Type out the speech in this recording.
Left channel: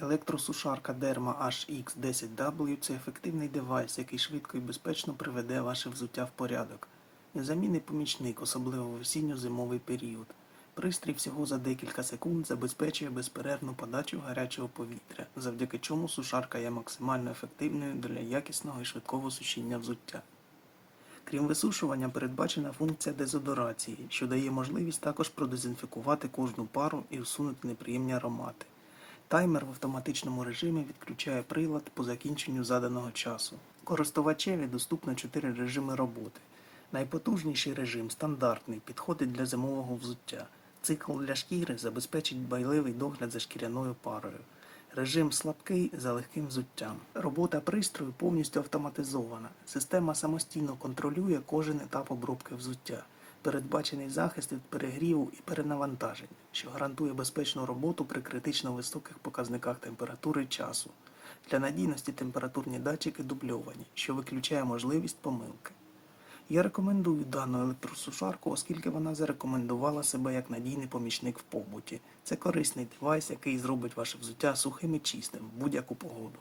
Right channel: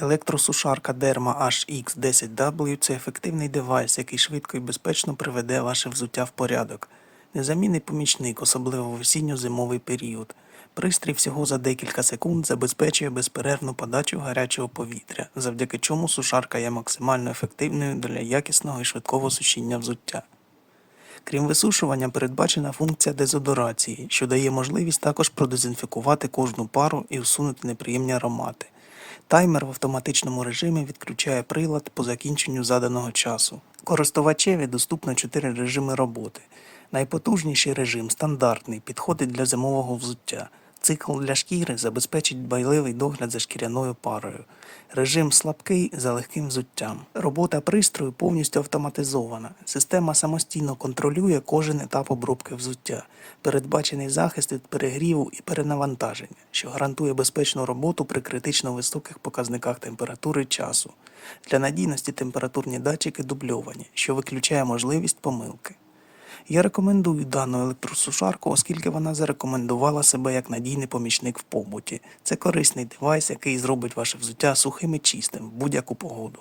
Електросушарка Derma HX10W це ефективний девайс, який швидко і безпечно приведе ваше взуття в порядок. Незамінний помічник, особливо в осінньо-зимовий період. Пристрій всього за декілька секунд забезпечує безперервну подачу гарячого повітря, завдяки чому сушарка є максимально ефективною для якісного і швидкого сушіння взуття. Крім висушування, передбачена функція дезодорації, що дає можливість також продезінфікувати кожну пару і усунути неприємні аромати. Таймер в автоматичному режимі відключає прилад по закінченню заданого часу. Користувачеві доступно 4 режими роботи. Найпотужніший режим стандартний, підходить для зимового взуття. Цикл для шкіри забезпечить дбайливий догляд за шкіряною парою. Режим слабкий за легким взуттям. Робота пристрою повністю автоматизована. Система самостійно контролює кожен етап обробки взуття. Передбачений захист від перегріву і перенавантаження, що гарантує безпечну роботу при критично високих показниках температури часу. Для надійності температурні датчики дубльовані, що виключає можливість помилки. Я рекомендую дану електросушарку, оскільки вона зарекомендувала себе як надійний помічник в побуті. Це корисний девайс, який зробить ваше взуття сухим і чистим в будь-яку погоду.